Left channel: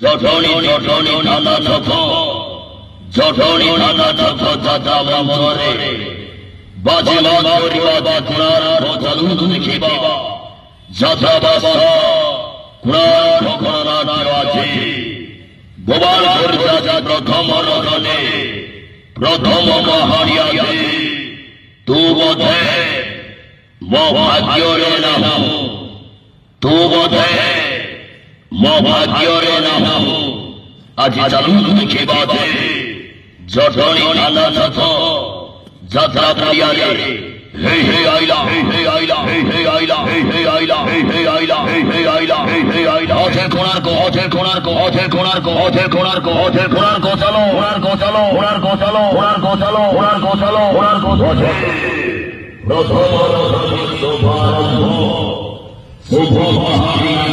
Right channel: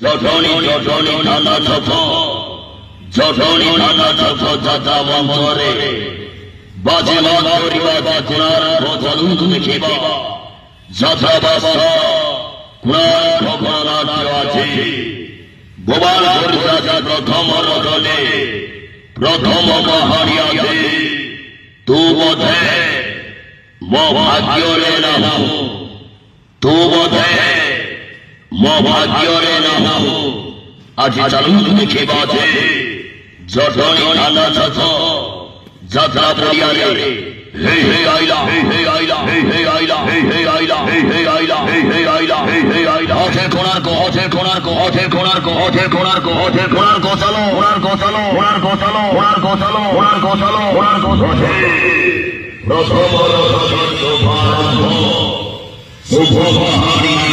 জঠনী ঠান্ডা ছছ জঠনী ঠান্ডা ছছ যাত্রা মন্ত্রে বাজিমাত করিবা বাজনার ভোজালু দেখিবা যাত্রা বাসা কুড়ার খোকনা নাম আছে গোপাল দুর্গা প্রথম রণে প্রথম মহারিয়াতে তু বোধে মো ভাগ্যরে নাম তু বোধে মো ভাগ্যরে নাম আজি চালু দেখিবা যে জঠনী ঠান্ডা ছছ যাত্রা পরিয়ালে হে হে আইলা হে হে আইলা হে হে আইলা হে হে আইলা হে হে আইলা হে হে আইলা হে হে আইলা হঠে কোণার্ক হঠে কোণার্ক হঠে কোণার্ক হঠে কোণার্ক হঠে কোণার্ক চালো কোণার্ক চালো কোণার্ক চালো কোণার্ক চালো কোণার্ক চালো কোণার্ক হঠে প্রথম রথ শুভ মহারিয়া